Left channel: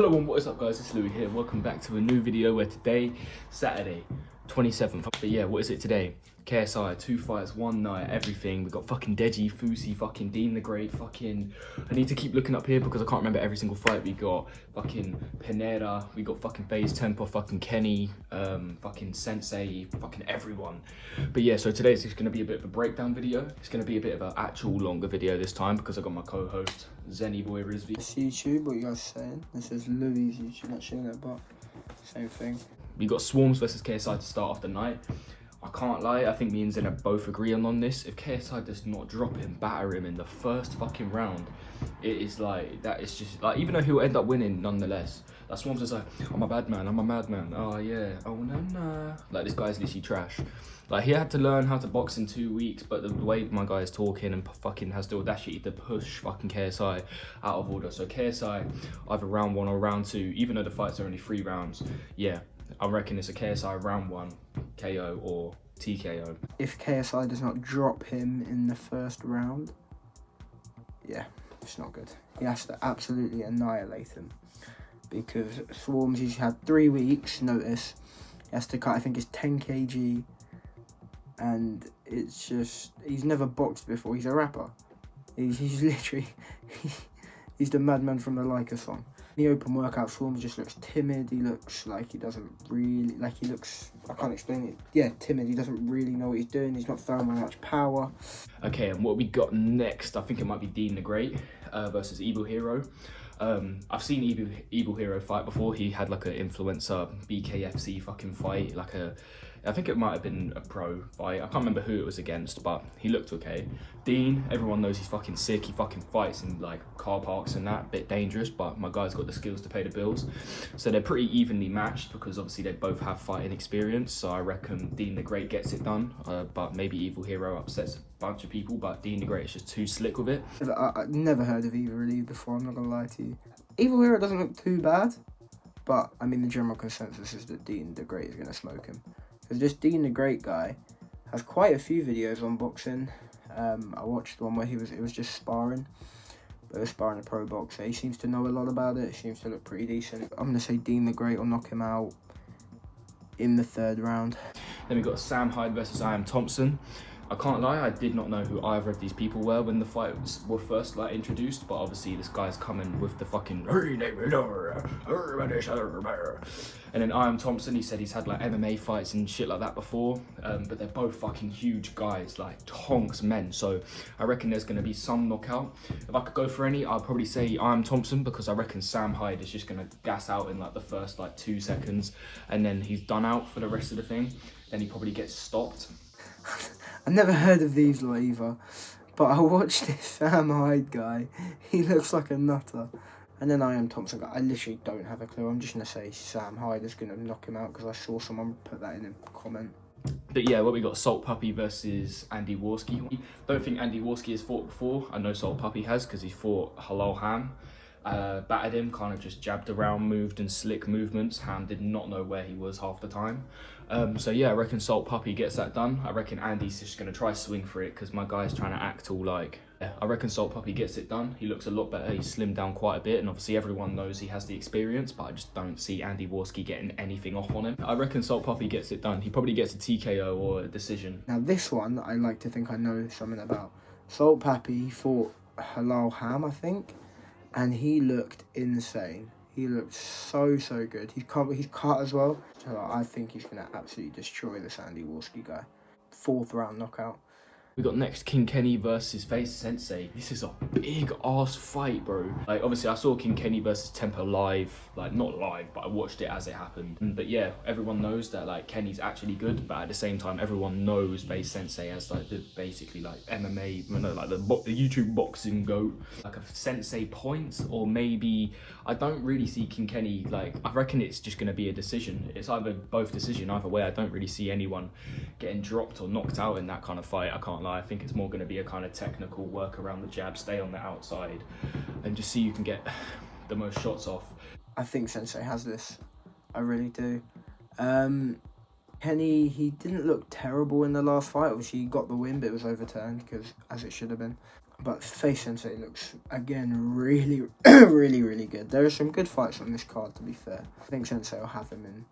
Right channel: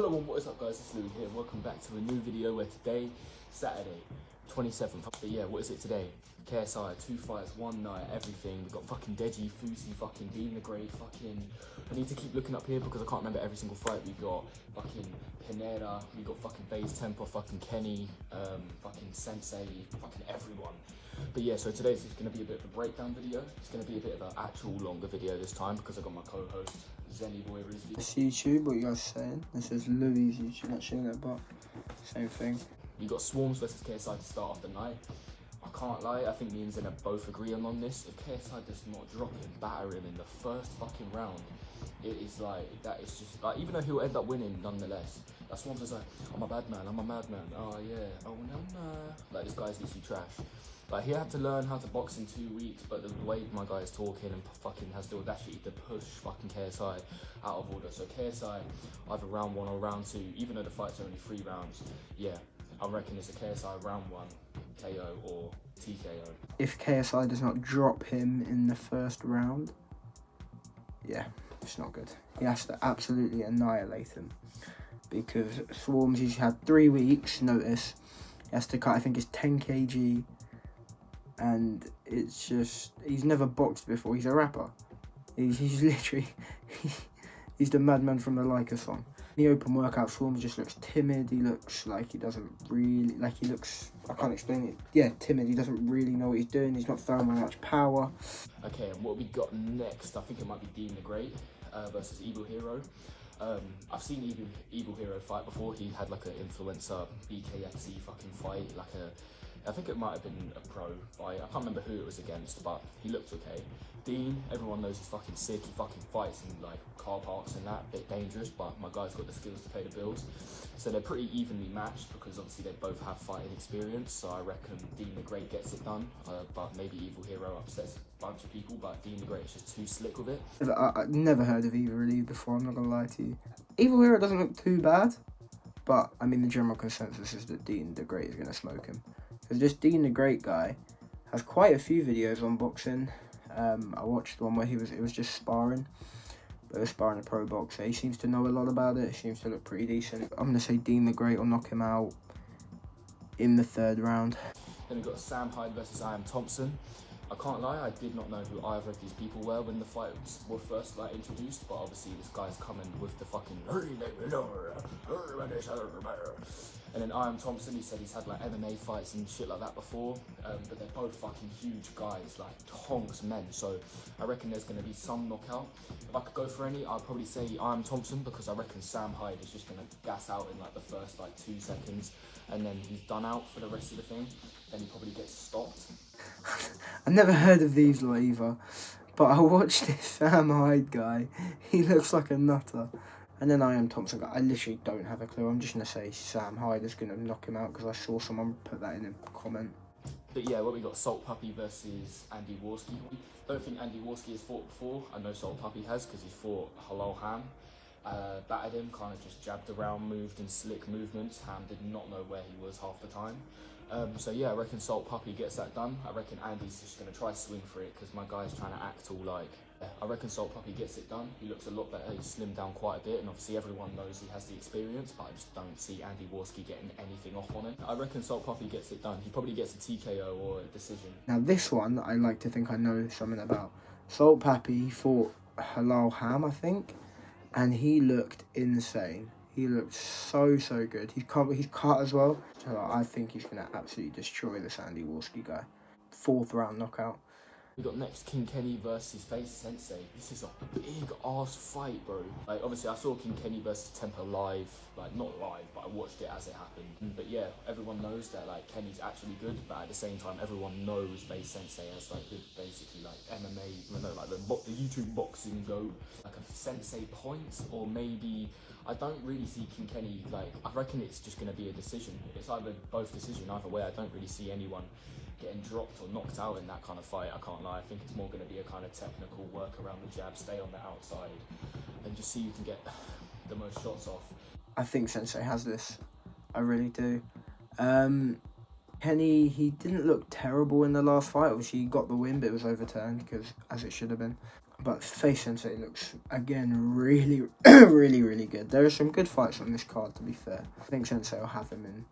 Hello and what is up guys, it's Louis here. Welcome back to a new video where today, Saturday, 27th. But yeah, what is it today? KSI, 2 fights, 1 night, everything. We got fucking Deji, Foose, fucking Dean the Great, fucking... I need to keep looking up here because I can't remember every single fight. We got fucking Pineda, we got fucking VS Tempo, fucking Kenny, fucking Sensei, fucking everyone. But yeah, so today's just gonna be a bit of a breakdown video. It's gonna be a bit of an actual longer video this time because I got my co-host, Zain boy Rizvi. It's YouTube, what you guys saying? This is Louis' YouTube, actually, but same thing. We got Swarmz versus KSI to start off the night. I can't lie, I think me and Zain both agree on this. If KSI does not drop him, batter him in the first fucking round, it is like, that is just like, even though he'll end up winning nonetheless, that Swarmz is like, I'm a bad man, I'm a madman, oh yeah, oh no. Like, this guy's literally trash. Like, he had to learn how to box in 2 weeks, but the way my guy is talking and fucking has the audacity to push fucking KSI out of order. So KSI, either round 1 or round 2, even though the fights are only 3 rounds, yeah, I reckon it's a KSI round 1 KO or TKO. If KSI does not drop him in the first round, yeah, it's not good. He has to absolutely annihilate him. Because Swarmz, he's had 3 weeks notice. He has to cut, I think it's 10 kg. And it's just, he's never boxed before. He's a rapper. He's literally, he's the madman from the Leica song. In the open workout, Swarmz just looks timid. He looks like he doesn't really, like he looks, I can't explain it. Yeah, timid. He doesn't really know what he's doing. He's not throwing much power. Okay, and what we got next, I think it might be Dean the Great versus Evil Hero. I've seen Evil Hero fight before. He had like an influencer BKFC fucking fight, like I think it might have been a pro fight. I can't remember who it was against, but he looked okay. Dean, everyone knows he's fucking sick. He fucking fights in like car parks and that, bit dangerous, but my guy's got the skills to pay the bills. So they're pretty evenly matched because obviously they both have fighting experience. So I reckon Dean the Great gets it done, but maybe Evil Hero upsets a bunch of people, but Dean the Great is just too slick with it. I've never heard of Evil really before, I'm not gonna lie to you. Evil Hero doesn't look too bad, but I mean the general consensus is that Dean the Great is gonna smoke him. Because this Dean the Great guy has quite a few videos on boxing. I watched one where it was just sparring. But it was sparring a pro boxer. He seems to know a lot about it. He seems to look pretty decent. I'm going to say Dean the Great will knock him out in the 3rd round. Then we got Hyde versus Ian Thompson. I can't lie, I did not know who either of these people were when the fights were first like introduced, but obviously this guy's coming with the fucking and then Ian Thompson, he said he's had like MMA fights and shit like that before, but they're both fucking huge guys, like tonks men, so I reckon there's going to be some knockout. If I could go for any, I'd probably say Ian Thompson, because I reckon Hyde is just going to gas out in like the first like 2 seconds, and then he's done out for the rest of the thing, then he probably gets stopped. I've never heard of these lot either, but I watched this Hyde guy. He looks like a nutter. And then Ian Thompson guy, I literally don't have a clue. I'm just going to say Hyde is going to knock him out because I saw someone put that in a comment. But yeah, what we got, Salt Puppy versus Andy Warski. Don't think Andy Warski has fought before. I know Salt Puppy has because he fought Halal Ham. Battered him, kind of just jabbed around, moved in slick movements. Ham did not know where he was half the time. So yeah, I reckon Salt Puppy gets that done. I reckon Andy's just going to try swing for it because my guy's trying to act all like... Yeah, I reckon Salt Puppy gets it done. He looks a lot better. He's slimmed down quite a bit, and obviously everyone knows he has the experience, but I just don't see Andy Warski getting anything off on him. I reckon Salt Puppy gets it done. He probably gets a TKO or a decision. Now this one, I like to think I know something about. Salt Puppy fought Halal Ham, I think, and he looked insane. He looked so good. He's cut as well. So I think he's going to absolutely destroy this Andy Warski guy. 4th round knockout. We got next King Kenny versus VS Sensei. This is a big ass fight, bro. Like, obviously I saw King Kenny versus Tempo live, like not live, but I watched it as it happened. But yeah, everyone knows that like Kenny's actually good, but at the same time, everyone knows VS Sensei as like the basically like MMA, you know, like the YouTube boxing GOAT. Like a Sensei points, or maybe I don't really see King Kenny, like I reckon it's just gonna be a decision. It's either both decision, either way. I don't really see anyone getting dropped or knocked out in that kind of fight. I can't lie. I think it's more going to be a kind of technical work around the jab, stay on the outside, and just see you can get the most shots off. I think Sensei has this. I really do. Kenny, he didn't look terrible in the last fight. Obviously, he got the win, but it was overturned because as it should have been. But Face Sensei looks, again, really, really good. There are some good fights on this card, to be fair. I think Sensei will have him in...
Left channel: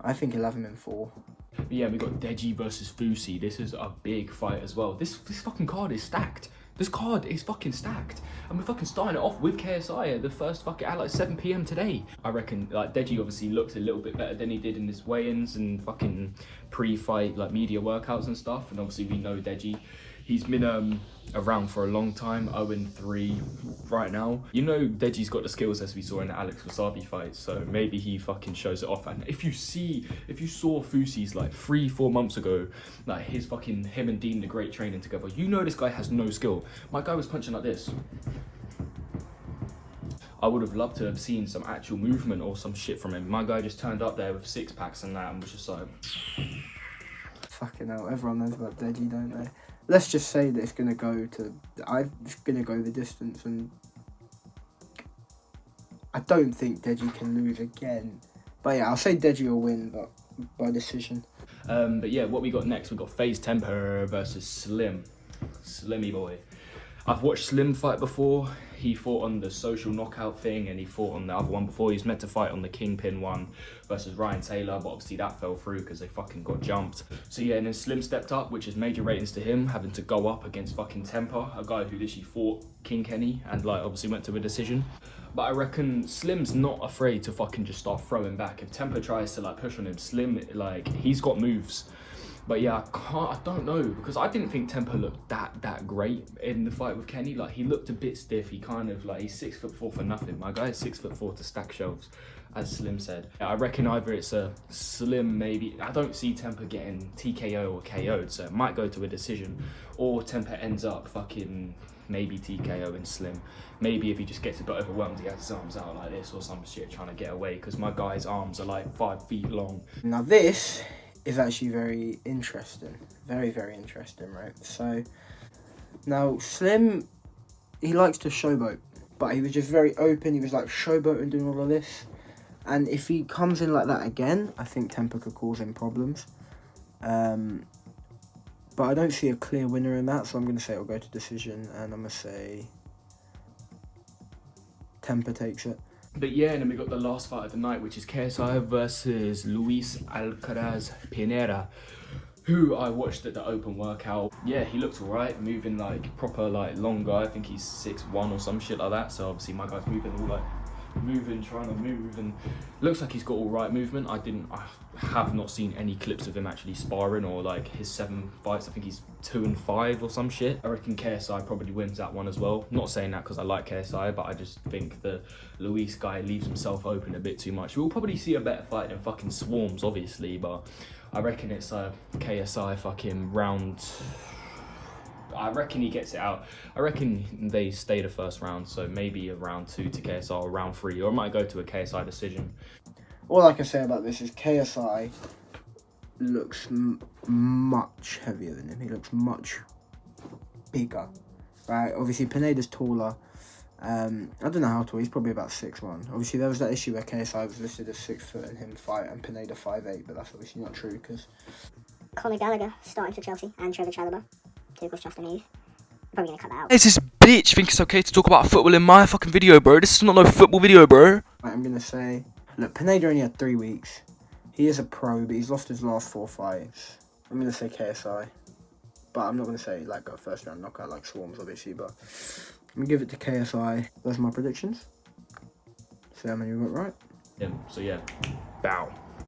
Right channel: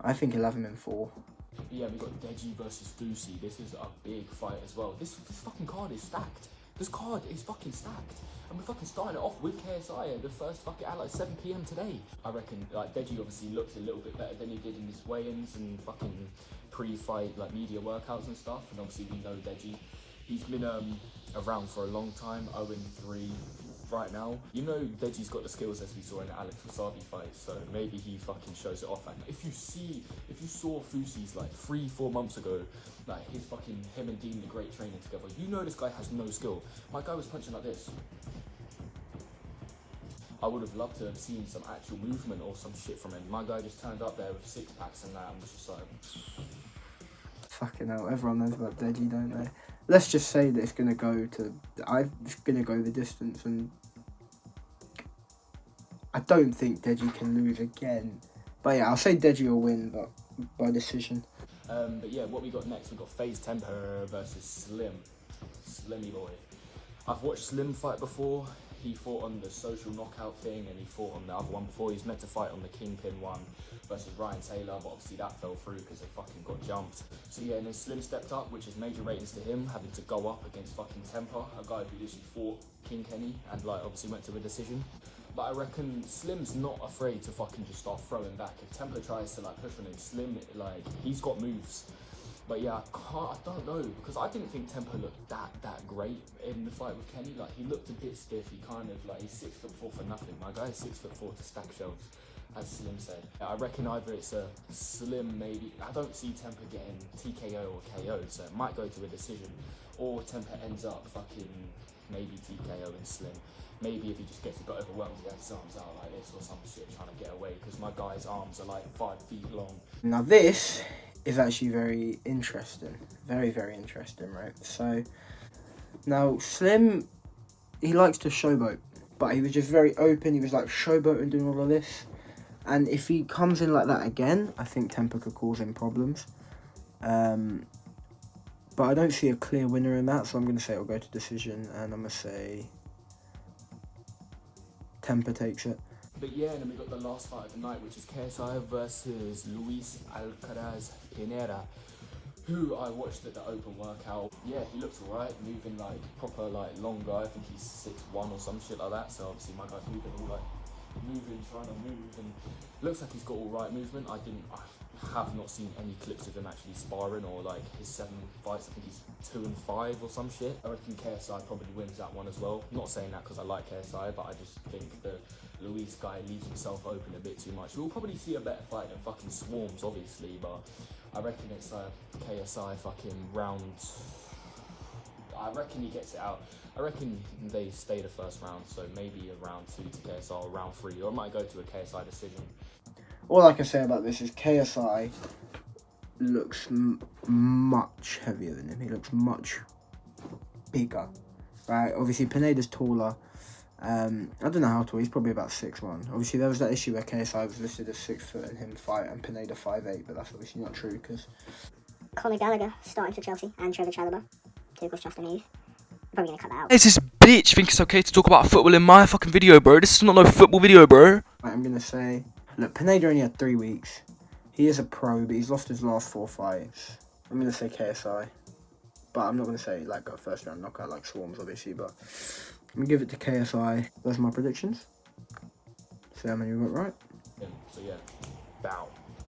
I think he'll have him in 4. But yeah, we got Deji versus Foose. This is a big fight as well. This fucking card is stacked. This card is fucking stacked. And we're fucking starting it off with KSI at the first fucking at like 7 PM today. I reckon like Deji obviously looked a little bit better than he did in his weigh-ins and fucking pre-fight like media workouts and stuff. And obviously we know Deji. He's been around for a long time, 0-3 right now. You know Deji's got the skills as we saw in the Alex Wasabi fight, so maybe he fucking shows it off. And if you saw Foose's like 3-4 months ago, like him and Dean the Great training together, you know this guy has no skill. My guy was punching like this. I would have loved to have seen some actual movement or some shit from him. My guy just turned up there with 6-packs and that and was just like... Fucking hell, everyone knows about Deji, don't they? Let's just say that it's going to go the distance, and I don't think Deji can lose again. But yeah, I'll say Deji will win, but by decision. But yeah, what we got next, we got FaZe Tempo versus Slim. Slimmy boy. I've watched Slim fight before. He fought on the social knockout thing and he fought on the other one before. He was meant to fight on the Kingpin one versus Ryan Taylor, but obviously that fell through because they fucking got jumped. So yeah, and then Slim stepped up, which is major ratings to him, having to go up against fucking Tempo, a guy who literally fought King Kenny and like obviously went to a decision. But I reckon Slim's not afraid to fucking just start throwing back. If Tempo tries to like push on him, Slim, like, he's got moves. But yeah, I don't know, because I didn't think Tempo looked that great in the fight with Kenny. Like, he looked a bit stiff. He kind of like, he's 6'4" for nothing. My guy is 6'4" to stack shelves, as Slim said. I reckon either it's a Slim, maybe. I don't see Tempo getting TKO or KO'd, so it might go to a decision, or Tempo ends up fucking maybe TKO and Slim. Maybe if he just gets a bit overwhelmed, he has his arms out like this or some shit trying to get away, because my guy's arms are like 5 feet long. Now this is actually very interesting. Very interesting, right? So, now Slim, he likes to showboat, but he was just very open. He was like showboating, doing all of this. And if he comes in like that again, I think Tempo could cause him problems. But I don't see a clear winner in that, so I'm going to say it'll go to decision, and I'm going to say Tempo takes it. But yeah, and then we got the last fight of the night, which is KSI versus Luis Alcaraz Pineda, who I watched at the open workout. Yeah, he looks alright, moving like proper like long guy. I think he's 6'1" or some shit like that. So obviously my guy's moving all like trying to move, and looks like he's got all right movement. I have not seen any clips of him actually sparring or like his 7 fights. I think he's 2-5 or some shit. I reckon KSI probably wins that one as well. Not saying that because I like KSI, but I just think the Luis guy leaves himself open a bit too much. We'll probably see a better fight than fucking Swarmz, obviously, but I reckon it's a KSI fucking round. I reckon he gets it out. I reckon they stay the first round, so maybe a round 2 to KSI or round 3, or it might go to a KSI decision. All I can say about this is KSI looks much heavier than him. He looks much bigger, right? Obviously, Pineda's taller. I don't know how tall. He's probably about 6'1". Obviously, there was that issue where KSI was listed as 6 foot and him fight, and Pineda 5'8", but that's obviously not true because Conor Gallagher starting for Chelsea and Trevor Chalobah. Tuchel's trusting youth. Probably gonna cut that out. It's this bitch think it's okay to talk about football in my fucking video, bro. This is not no football video, bro. I'm gonna say, look, Pineda only had 3 weeks. He is a pro, but he's lost his last 4 fights. I'm gonna say KSI, but I'm not gonna say like a first round knockout like Swarmz, obviously. But I'm gonna give it to KSI. Those are my predictions. See how many we got right. Yeah. So yeah, bow.